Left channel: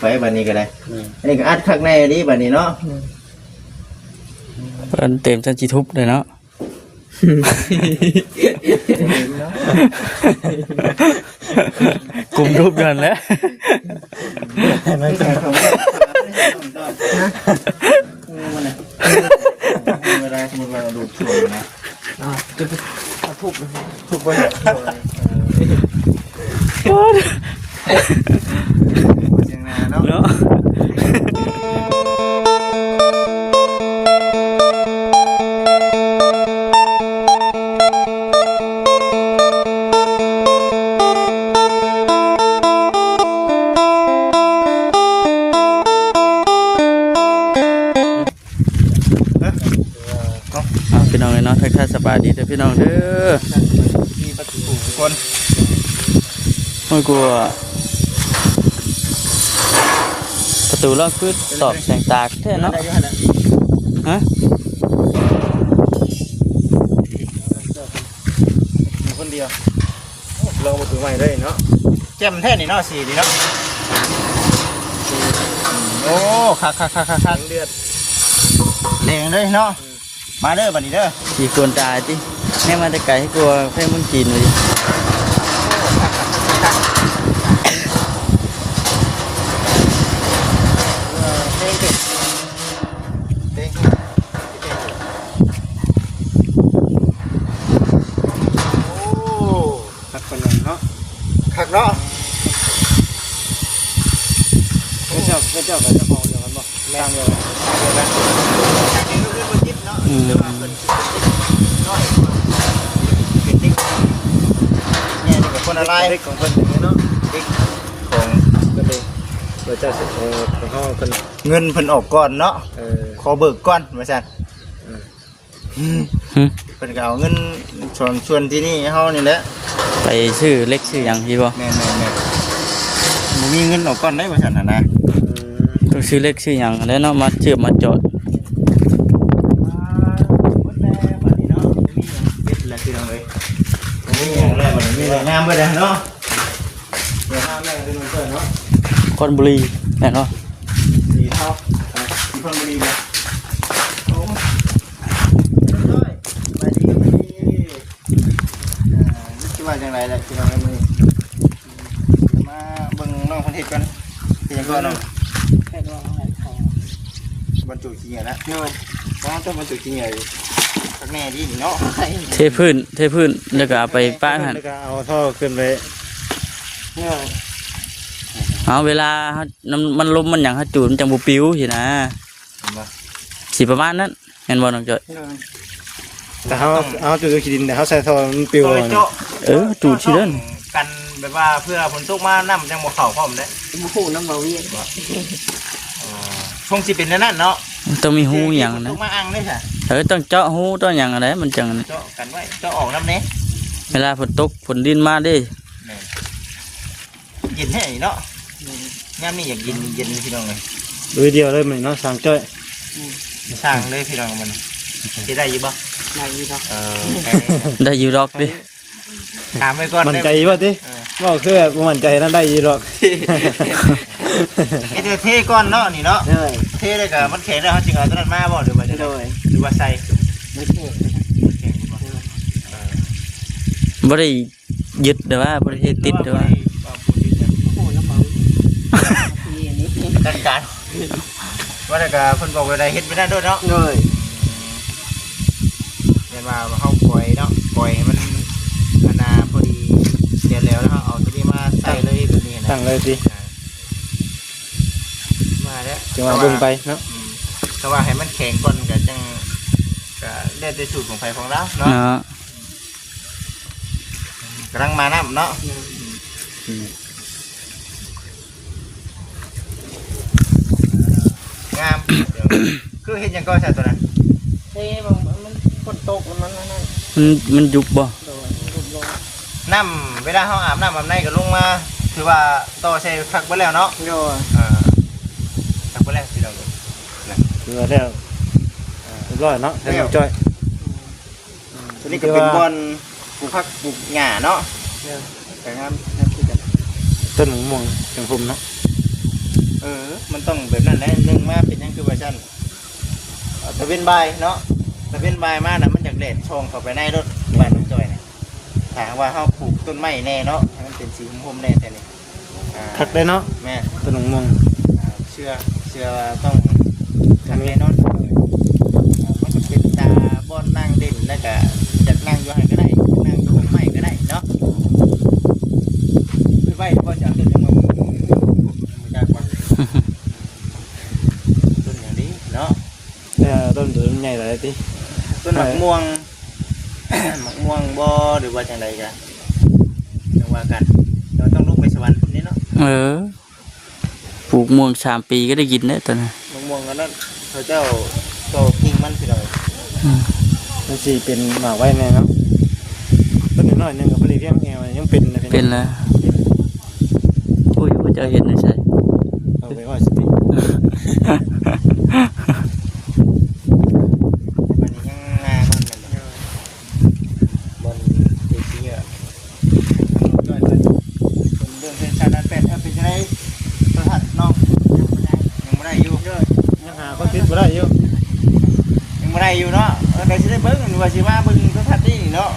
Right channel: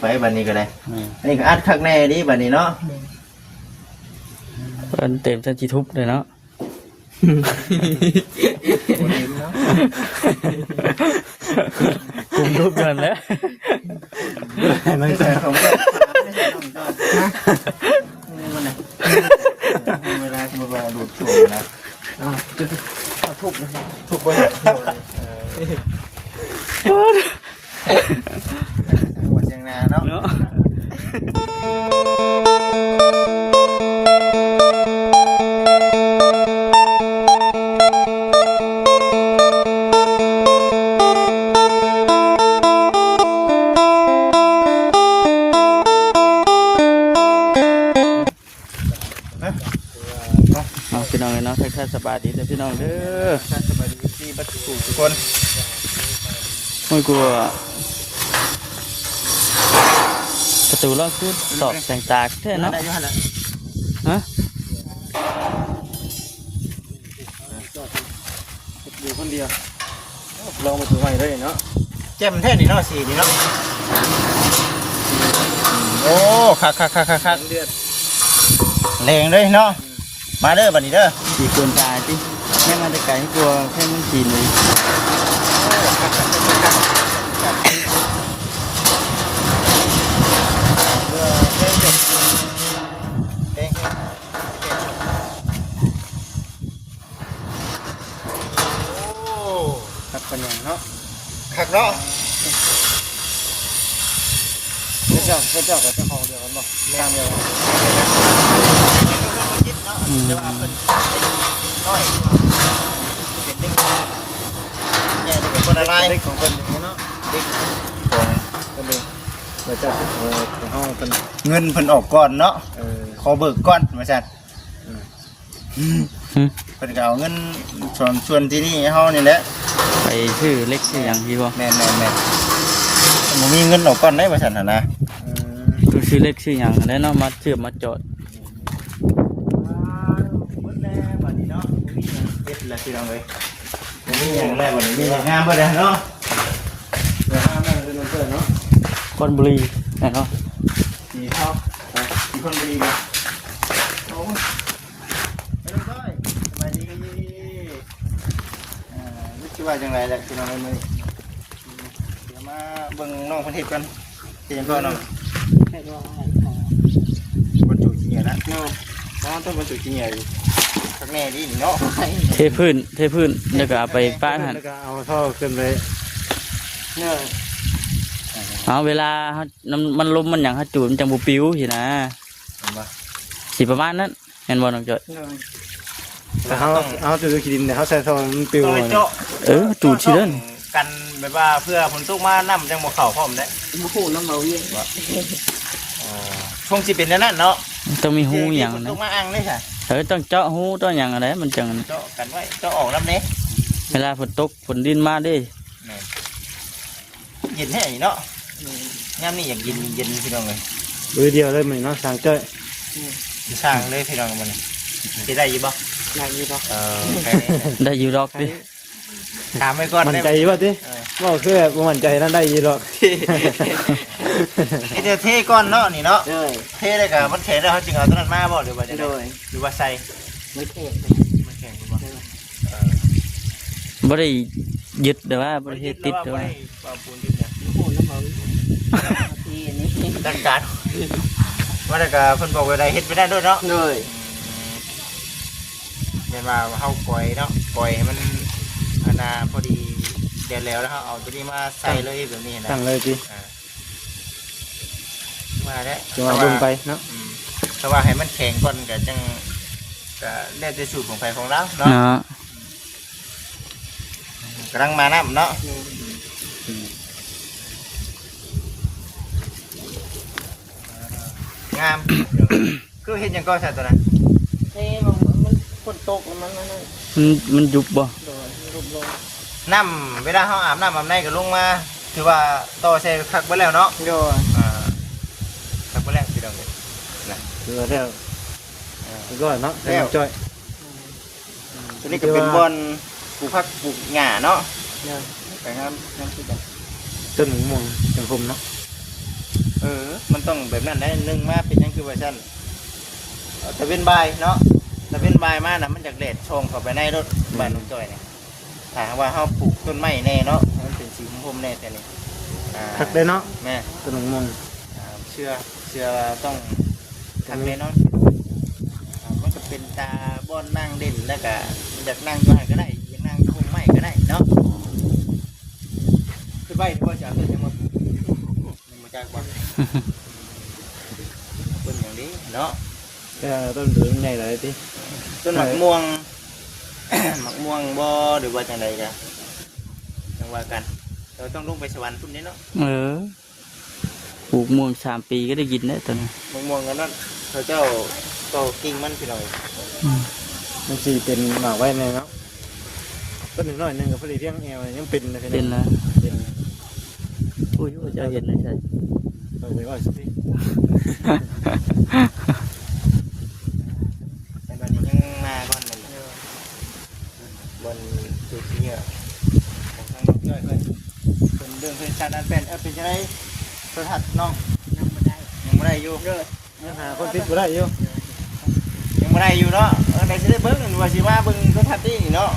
ไปบัดนี้ก็ได้อันนี้ก็อัดคักแน่ดีบัดนี้เนาะเพิ่นเต็มจนสิทุบเลยเนาะกลุ่มทุบนั่นแหละเวลาสมมติว่าดูดช่วงนะจะทุบเลยทุบไปเสียงนาเนาะเนาะพี่น้องเนาะทักทายสบายดีแต่พี่น้องเด้อคนไม่กลัวประตูล็อกขึ้นตอกแสงตาแท้เนาะฮะอยู่คนเดียวลองมาถือไว้ได้เนาะแจ่มแท้นี่เนาะสีนี่เนาะโอ้คักเลือดเลงเลยเนาะมาเด้อบัดนี้เด้อสีกวนตาจิไม่มาแต่ไก่ให้กลัวเพื่อนมันกินเลยคักเนาะไม่เจ้าของอย่างนั้นบอกแม่เลยคนอะไรของคนเนาะของเงินเพิ่นออกก่อนเนาะขอเบิกก่อนมาสั่นเพิ่นก็เอาเงินส่วนที่นี่เฮานี่แหละไปชื่อเล็กชื่อยังพี่บ่แม่บ่มีเงินออกก่อนได้ว่าซั่นน่ะนะต้องชื่อเล็กชื่อยังแล้วเนาะมาเชื่อมาจอดงามไปเลยเนาะคนบุรีแน่เนาะสีเทาสีคนบุรีเลยไปดีนึกว่าจังไรแหละคือเรามาเบิ่งน้องคนเห็ดกันเป็นยังไงน้องบรรจุจริงนะน้องต้องบรรจุจริงไงแน่ดีเนาะเทพื้นแล้วก็เอาไปป้าหันแล้วก็เอาท่อขึ้นไปเอาเวลามันลมมันอย่างฮัจูนจังบุปิ้วสินะสิประมาณนั้นเห็นบ่น้องจอยแต่เขาจูดขี้ดินแต่เขาใส่ท่อมันปิ้วจูดชิ้นกันแบบว่าเพื่อฝนตกมาน้ำจังบ่เข่าพร้อมได้บุหูน้ำเราเวียนคงสิเป็นนั่นเนาะต้องมีหูอย่างนั้นต้องมาอังนี่ค่ะต้องเจาะหูต้องอย่างอะไรมันจังเจาะกันไว้เจาะออกน้ำเนี้ยเวลาฝนตกฝนดินมาดิเย็นแห้เนาะย่ำนี่อยากเย็นพี่น้องเลยดูเดียวเลยมันน้องสั่งจ้อยสั่งเลยพี่น้องมันจะได้ยี่บ่ได้อยู่ดอกดิถามไปก่อนมันใจว่าดิว่าคือมันใจนั่นได้ยี่ดอกไอเดเทก้อนเนาะนี่เนาะเทเลยค่ะมันเทแล้วเขาจึงเอาตัวนั้นมาบ่หรือว่าจะหรือว่าใส่บ่ได้ยึดแต่ว่าบ่ได้ติดแต่ว่าได้การว่าแต่ก็คนบอกว่าได้เฮ็ดไม่ได้ด้วยเนาะเดี๋ยวมาเขาปล่อยเนาะปล่อยมันนาพอดีเดี๋ยวแล้วเขาเอาที่นี่มาใส่เลยแบบนี้นะตั้งเลยสิมาแล้วจะมาบึงไปเนาะเพราะว่าให้มันแข็งก่อนก็จังก็ได้ในสูตรของไฟของเราเนาะกำลังมานะเนาะงามคือเห็นยังก็ใช่ตัวนั้นนี่มันคนตกมันยุบบ่น้ำเวลาเขาอาบน้ำแบบไหนก็ลงมาถือว่าต่อเซลพักไปแล้วเนาะพักไปแล้วพี่น้องถือว่าแล้วก็เนาะแต่จ้อยนี่ก็เป็นบอลปลูกผักปลูกหญ้าเนาะต้นหนึ่งมงเป็นภูมิเนาะ มันต้องแบบนั้นได้นึงมาเป็นยังคือว่าซั่นตะเวนบ่ายเนาะตะเวนบ่ายมาน่ะมันจากแดดช่องเข้าไปในรถบ้านน้องจ้อยนี่ถ้าว่าเฮาปลูกต้นไม้แน่เนาะมันเป็นสีผมๆแน่แต่นี่ คักเลยเนาะ แม่ ตัวหนังมึง เชื่อต้องทำแน่นอนมันก็เป็นตาบ่อนนั่งเด่นแล้วก็จะนั่งอยู่ไหนก็ได้นั่งตรงไม้ก็ได้เนาะคือไว้บ่จังมันยากว่าต้นอย่างนี้เนาะ แต่ต้นถือใหญ่หลายที ต้นมะม่วง มะม่วงบ่หรือว่าจังไดจ้ะจังว่ากันเราต้องลงไปสวรรค์พุ่นนี้เนาะ ปลูกม่วง3 ปีก็ได้กินเด้อตอนนั้น มะม่วงนั้นเขาเจ้าโตกิ่งมันพี่น้อย มันสิเป็นหน่อไว้แน่เนาะต้นน้อยนึงกับพอดีเพียงแอวยังเป็นนะพี่ เป็นแล้วโอ้ยว่าจะเห็นนะใช่ เอาไว้ว่าสิ อันนี้ยังนาบนดูสิเนี่ยน้อยเกินเรื่องเป็นชาติเป็นถ้าเป็นจะได้ประทัดเนาะยังไม่ได้อยู่ ยังหาคนติดบ่ได้อยู่ ยังไม่ได้อยู่เนาะเอาไปจะได้เบิ้งว่าสิว่าเบิ้งประทัดนี่เนาะ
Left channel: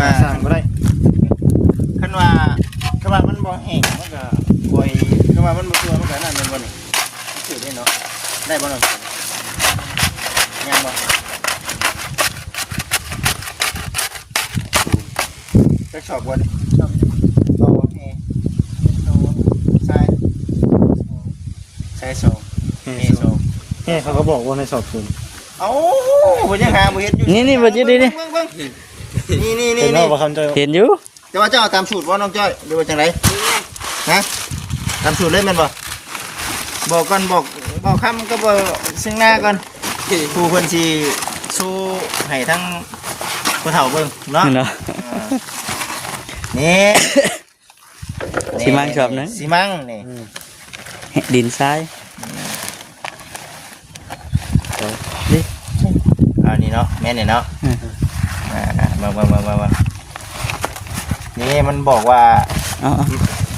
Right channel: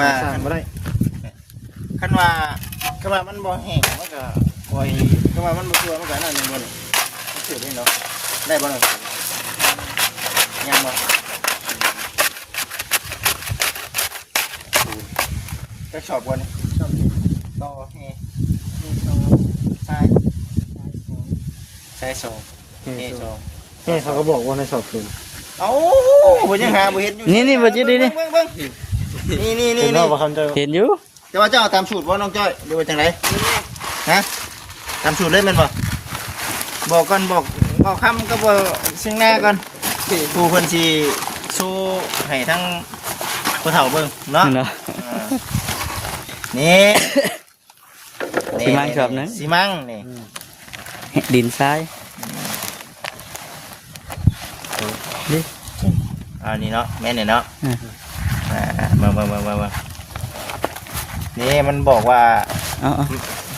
มาสร้างบ่ได้ คันว่ามันบ่แห้งมันก็คอยคันว่ามันบ่ตัวมันก็นั่นนึงมันเกิดได้เนาะได้บ่เนาะยังบ่จะชอบบ่นี่โอเคใช่สองเอสอง เขาก็บอกว่าในสอบคืน เอ้าบ่ยังหาบ่เฮ็ดอยู่ นี่มาจุดนี่ เบิ่งนี่ เป็นว่าบ่คันจะ เห็นอยู่ แต่ว่าเจ้าตามสูตรบ่น้องจ้อยหรือว่าจังไดฮะตามสูตรเลยแม่นบ่บอกก่อนบอกคำก็บ่ซึ่งหน้าก่อนครูเพิ่นสิสู้ให้ทั้งผู้เฒ่าเบิ่งเนาะ เนาะ นี่ สิมังชอบนะ สิมังนี่ ดินทราย นี่เนาะแม่นนี่เนาะมานี่มันบอกว่า เอา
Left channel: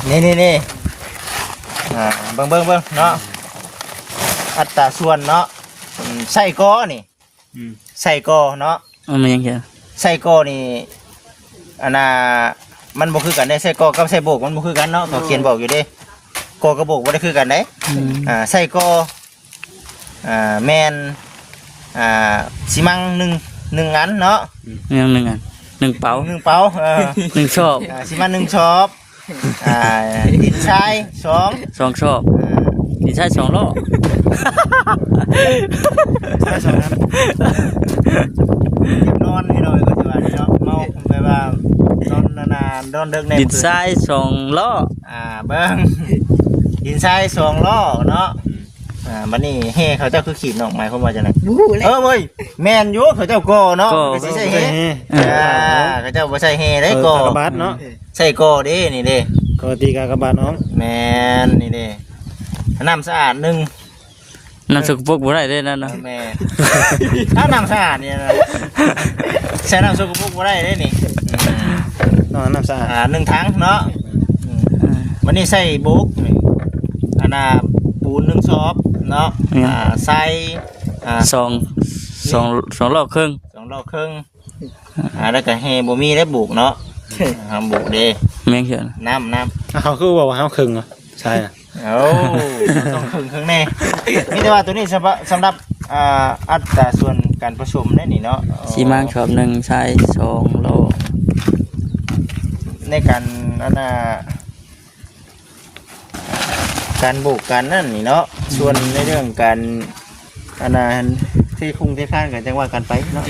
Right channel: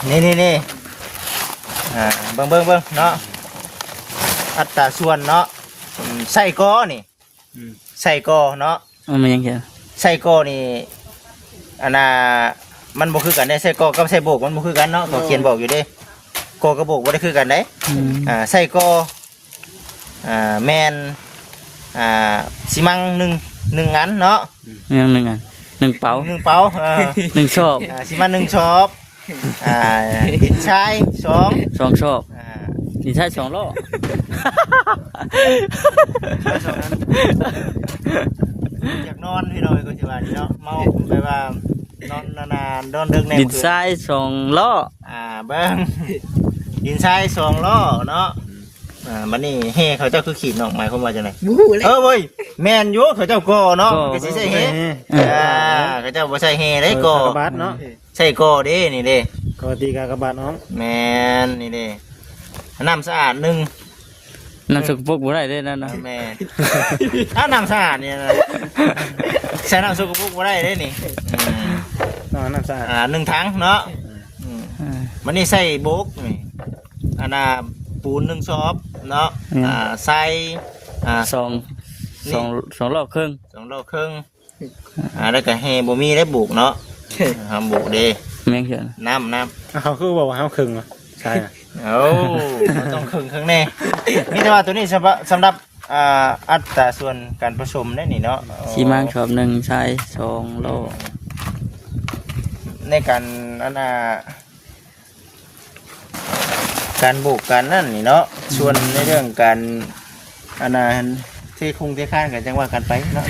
นี่เบิ่งเนาะอัตราส่วนเนาะใส่กอนี่ใส่กอเนาะ เอามันยังไง ใส่กอนี่อันน่ะมันบ่คือกันได้ใส่กอกับใส่โบกมันบ่คือกันเนาะเขาเขียนบอกอยู่เด้กอกับโบกบ่ได้คือกันเด้ใส่กอแมนสิมังหนึ่งอันเนาะ ยังหนึ่งอัน1 เป๋า 1 เป๋า1 ชอบ สิมัง1 ช็อปดินชาย2 2 ชอบดินทราย2 โล ใช่สองนั้น นอนให้หน่อยก็สิว่าเนาะเมาไปว่านอนนานๆนอนดึกแน่ ดินทราย2 ล้อ เบิ้งดินทราย2 ล้อเนาะมันนี่เฮเขาเจ้าคือขีดนอกหมายความว่าจังได๋เว้ยแม่นอยู่เขาเจ้าก่อเนาะก็สิใส่เฮเขาเจ้าบ่ใส่เฮได้ก่อก ระบาดเนาะ ใส่ก่อเด้นี่เด้ กตีกากระบาดน้อง แม่นนี่เด้น้ำสะอาด1 น้ำสกปรกบ่ได้เด้นั่นเนาะ แม่น้ำสะอาดเนี่ยนะใส่น้ำสกปรกบ่ได้เด้นี่ น้ำสะอาด 1 ถังเนาะวันนี้ใส่บุกอันน่ะปูน1 ซอบเนาะใส่2 ล้อครึ่ง 2 ล้อครึ่งแล้วก็แฮบ่มีแล้วบุกเนาะห้ามบุกเด้ แม่งเขียน น้ำ เขาคือบอกว่าห้ามครึ่งเหรอใช่ โอ้ต้องครึ่งแน่มีแต่ว่าตัวนี้สำหรับอัตราส่วนการผสมได้นี่เนาะ สิมังชอบ1 ทราย 2 โล ในการการบุกการนั่นนี่เนาะส่วนในเรื่องการที่คุ้งที่ข้างกันจังว่ากันไปเนาะ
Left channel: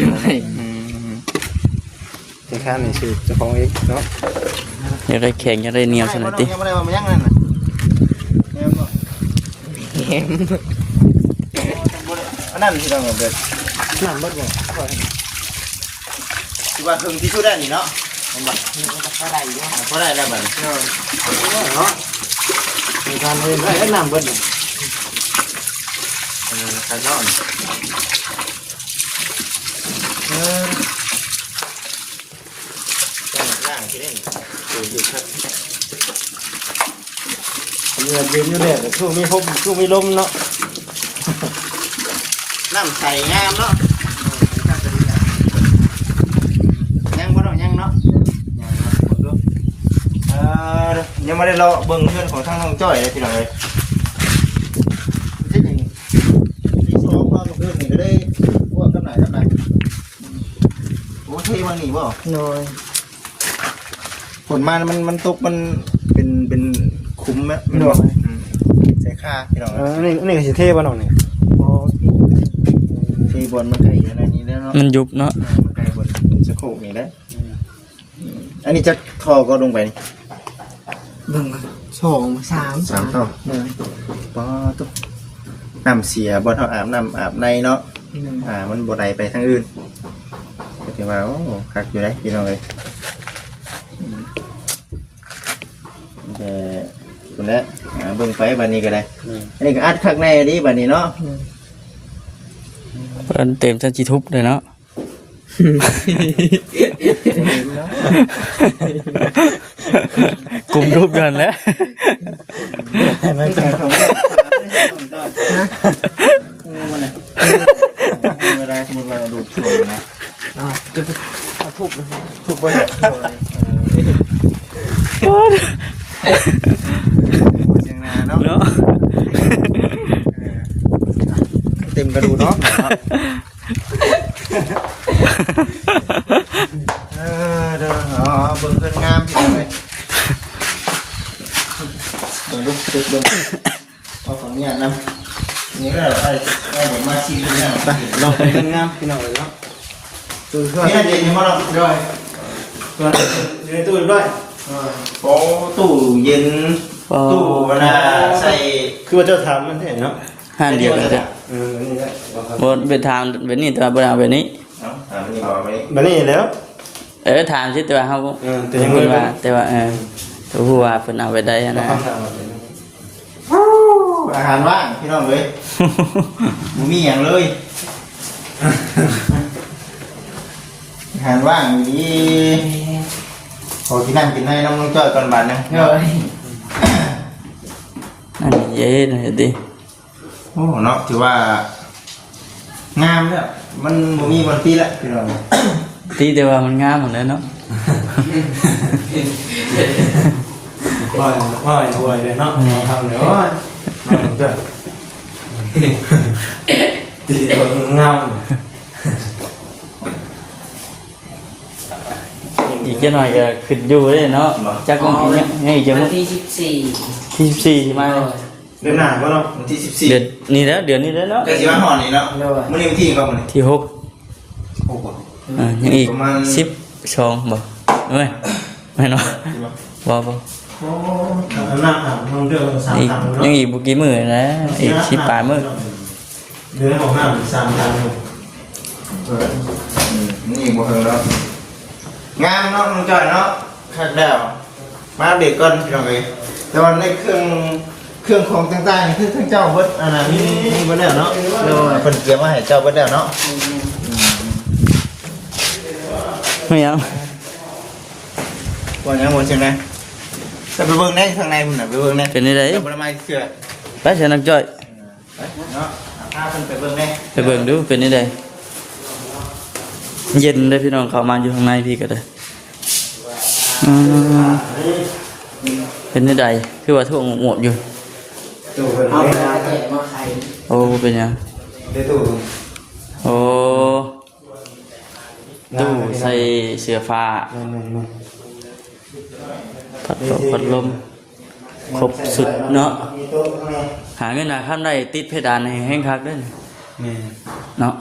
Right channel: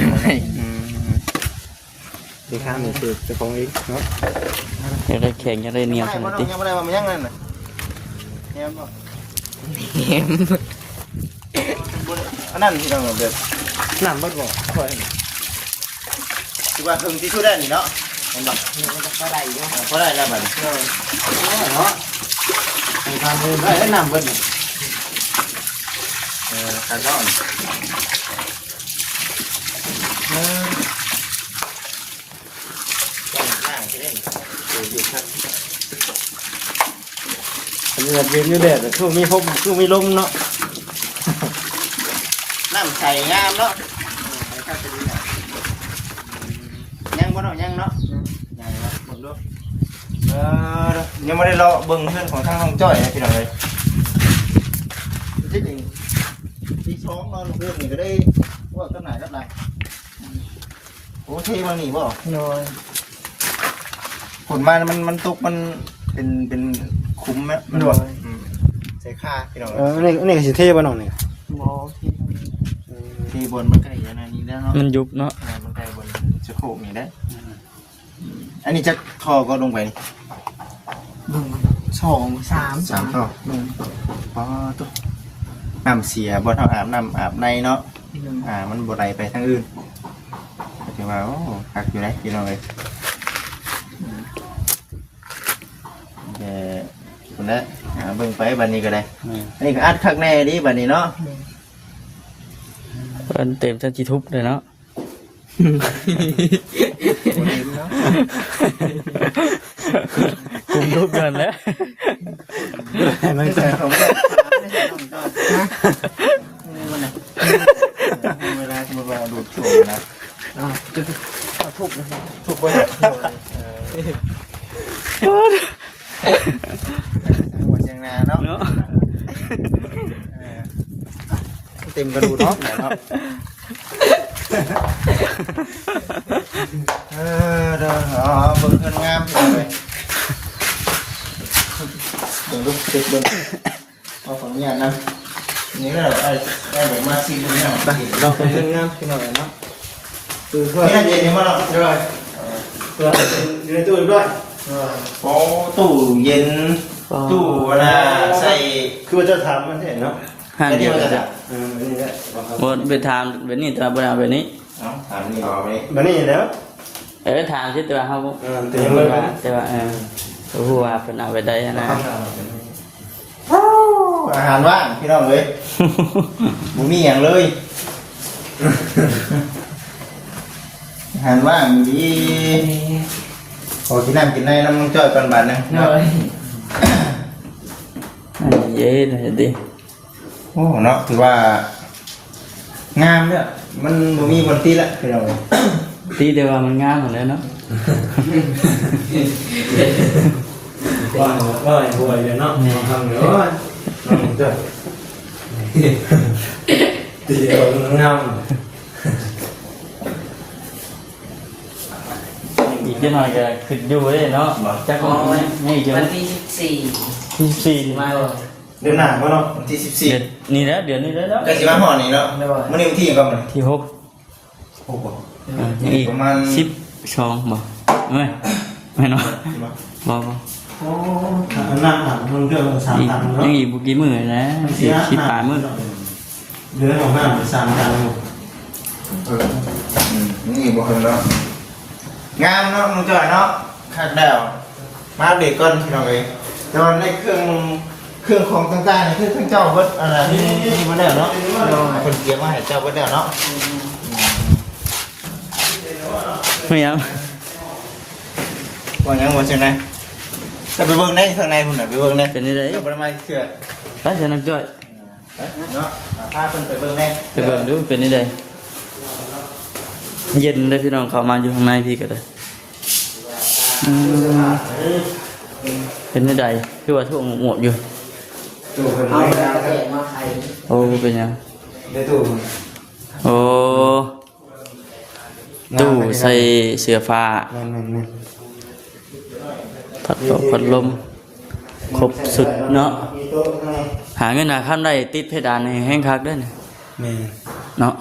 ที่ข้างนี่คือเจ้าของเองเนาะ อยากได้แข็งอยากได้เหนียวสนัดติ ยังไม่ได้ว่ามันยังนั่นน่ะอันนั้นที่เราเบิดน้ำเบิดก่อนที่ว่าถึงที่สุดแล้วนี่เนาะเห็นบ่เขาได้แล้วบัดเนาะการนี้ได้แล้วน้ำเบิดการนอนย่างที่เล่นอยู่ แบบวิวแดดช่วงนี้พบช่วงไม่ลมเนาะ น้ำใสงามเนาะยังบ่เนาะยังเนาะยังไม่ได้รอเบิ่งเพื่อนของทางน้องจ้อยเลยพี่น้องเลยที่สองมาเพื่อนนี่ก็ได้ว่ากันไหนกันไหนโอ้ที่บางนี่บ่ นอน ผลมามันตกมันเป็นคุ้มไหมมันบอกใส่ค่าพี่น้อง นี่ก็สิเท่บ่น้องนี่ ที่บนมันไก่ขนาดนี้แล้วเนาะ มันยุบเนาะ มันไก่บนจะโขกนี่แล้วอันนี้จะทอก็ลงไปนี่ เบิ่ง2 3 3ท่อ เลย ป้อตุ๊น้ำเสียบ่เท่าอาบน้ำอาบในเนาะมันบ่ไหลไปทางอื่นถือว่าโอ้คักอยู่เลยพี่น้องเลยคนนี้เบิ่งไปบันนี้ก็ได้นี่ก็อัดคักในนี้บันนี้เนาะ เพิ่นเต็มจะจิทุบเลยเนาะกลุ่มรูปเดินแล้ว นั่นก็ เวลาสมมติว่าดูดช่วงนะ จะทุบเลย ถูกไปเสียงนาเนาะ เนาะ เต็มกระดูกเนาะเด้อเบิ่งเพื่อนงามเลยผมลุกติดเบิ่งขอขออนุญาตนะนี่แหละไอ้ผมมาซีเลยนะ เราเป็นเรื่องงามพี่น้องเนาะตู้ช่วย นี่เด็กนี่มาแล้วด้วย อยู่ในตู้ด้วย โอ้ตู้เย็นตู้เวลาใส่ คือว่าเจ้าทำมันเห็นเนาะ ห้าเดียวกันจ้ะ นี่ได้ บนเป็นทางเป็นนี่ตัวบนทางเป็นนี้ เอาถามนี่ก่อนไป บันนี้แล้ว ทางที่ตัวเขา แต่ยังไม่ได้ แต่ว่าตัวหัวเป็นเอาไปได้นะ อาหารว่างพี่น้องเว้ยมันมีอย่างเลยอาหารว่างนี่ขอกินน้ำกินได้น้ำมันจอดก่อนบาทนะ เลย อันนี้เย็นเลยดิ โอ้เนาะถือว่างามเนี่ยมันมีวันที่ละพี่น้อง ตีแต่ว่ามันงามหมดเลยเนาะ ว่าหัวเลยเนาะมองทำเดี๋ยวว่านั่งด้วยตีเดียวงาม อีกแค่หน่อยก็ขึ้นอยู่เลยเนาะจักมันกินนี่จะ วันที่14 ที่สี่ที่มา เดือนหน้าว่าเนาะ วันที่14 เดือนนี้แล้วเดือนนี้แล้วเนาะ แต่สิมาห่อนี่แล้วมันนี่วันที่ยังก็มัน ที่หก โอ้โห ยังอีก ประมาณ 12บ่ไม่เนาะบ่ โอ้นั่งอ่ะมึงเดือนสาม อีก ตังค์เนาะ ยังอีกบุกี่มื้อนะอีก10ปลายมื้อ เดือนของน้ำสามตังค์ นี่บ่เห็นเนาะงานเนาะมันจ่อยเนาะคักแล้วมาเด็กก่อนพี่น้องเอ้ยแต่ว่าในเครื่องของต่างๆนี่คือเครื่องเจ้าเบิดอะไรนี่เบิดแล้วเนาะเพิ่นเตรียมมาให้เจ้าเบิดแล้วเนาะ ไม่เอา ว่ายังบ่ใช่ไหมไปเบิ่งในข้างในพุ่นน่ะไปเบิ่งใน เป็นได้ เจ้าบ่ได้มาเชื่อ ไปเชิญนักจ้อย เนาะพาเพิ่นไปเบิ่งใน ไปเบิ่งดูเป็นได้เย็นเลยพี่น้องเข้ามาอยู่ข้างในพี่ก็ได้เป็นได้คือว่าท่วงหมวกอยู่ ตู้เป็น เอา ไง มา นะ แจกมาใคร โอ้เป็นยัง ในตู้ อ๋อตู้ใส่เสื้อฟ้าพัดลมครบสุดเนาะหาเงินหาข้ามได้ติดเพดานในแห้งคักได้เนี่ย นี่ เนาะ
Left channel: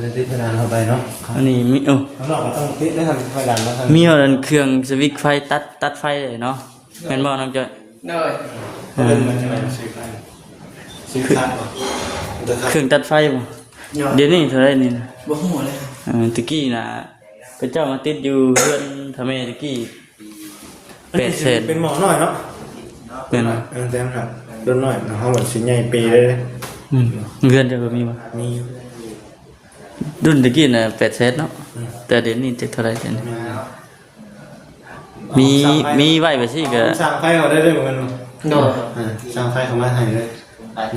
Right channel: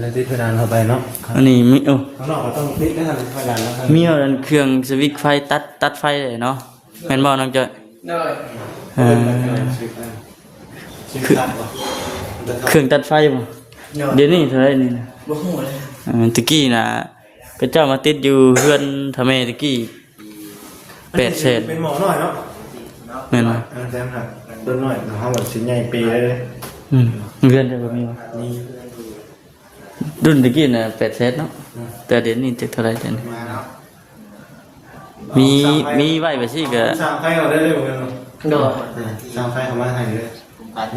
เราติดเพดานเข้าไปเนาะ อันนี้มีข้างนอกมันต้องติดไม่ทันเพดานแล้วกัน มีว่าเครื่องสวิตช์ไฟตัดไฟเลยเนาะแม่นบ่น้องจ้อย เลย ซื้อตัดป่ะ เครื่องตัดไฟบ่เดี๋ยวนี้เท่าไหร่นี่นะ บ่ฮู้เลย ตะกี้น่ะก็เจ้ามาติดอยู่เพื่อนทำไมตะกี้8 แสน เป็นหมอหน่อยเนาะ เป็นบ่ แจ้งครับเป็นหน่อยเนาะเขาแบบชิ้นใหญ่ปีเลย เงินจะบ่มีบ่ มี รุ่นตะกี้น่ะ8 แสนเนาะแต่เดี๋ยวนี้จักเท่าไหร่กัน มีไว้ไปสิก็ สร้างไฟเอาได้เลยเหมือนกัน โดย สร้างไฟเข้ามาให้เลย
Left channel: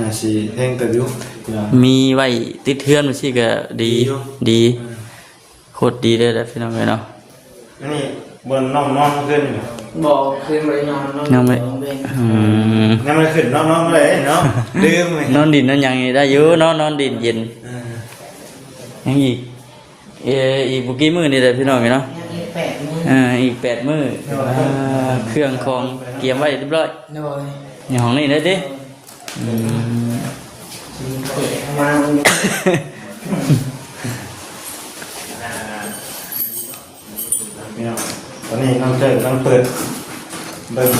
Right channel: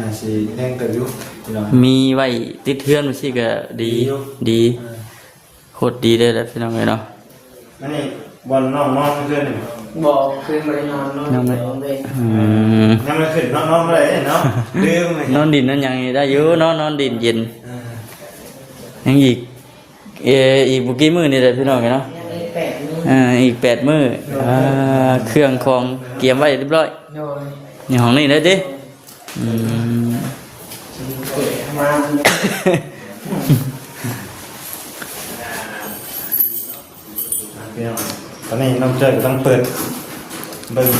น่าสิแพงเติบอยู่พี่น้อง มีไว้ติดเทือนไปสิก็ดี ดีอยู่ ดีโคตรดีเลยนะพี่น้องเลยเนาะ นี่บอลน้องเมื่อคืนนี่ บอกคืนไปนอน ยังไม่ ยังไม่ขึ้นน้องเลยเนาะดื่มเลย นอนดินนอนหยังได้อยู่นอนดินเย็นยังอีกอีกบ่กี่มื้อนี่แหละพี่น้องเนาะ ยังอีก8 มื้อ อีก8 มื้อเครื่องของเตรียมไว้เรียบร้อย โดย อยู่ห้องนี้เด้อติ มา พี่น้องตอนนี้น้องเจอกำลังเปิดเบิ่ง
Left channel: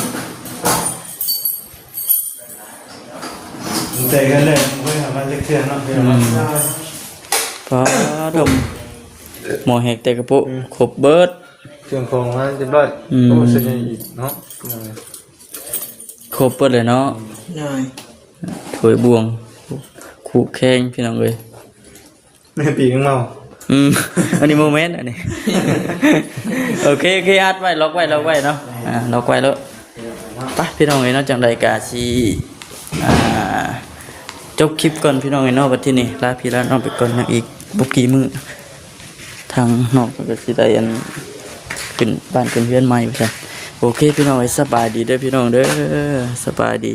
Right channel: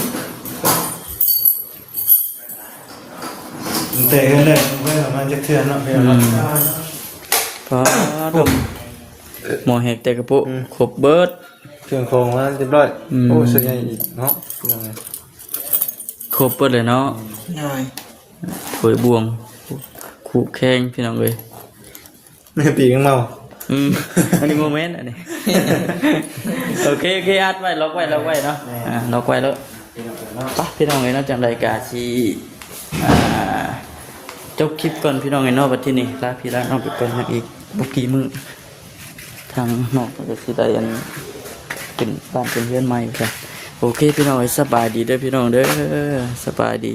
เตะกันเลยเมื่อมันจะเคลื่อนเนาะพี่น้องเนาะ อ๋อดมหมอแหกแต่กระปุกครบเบิด เครื่องของมาเรียบร้อยโอ้สุดยอดอีกเนาะ ครบเบิดเลยเนาะ โดย ถวยบวงขู่แข้งพี่น้องเลย แม่ปีกเมา อันนี้โมเมนต์อันนี้ โอเคอัดไว้ล็อกไว้เนาะล็อกไว้แล้วไปพี่น้องเลยเนาะจังไรกาสีจบคลิปก่อนพี่น้องเลยเนาะวันที่นี่ลาพี่ลาน้องไปก่อนนะอีกบุกี่มือทางนอกก็สิได้อันขึ้นบ้านเป็นเพื่อนใหม่ไปจ้ะโอเคพี่น้องสบายดีเด้อพี่น้องเด้อสบายดี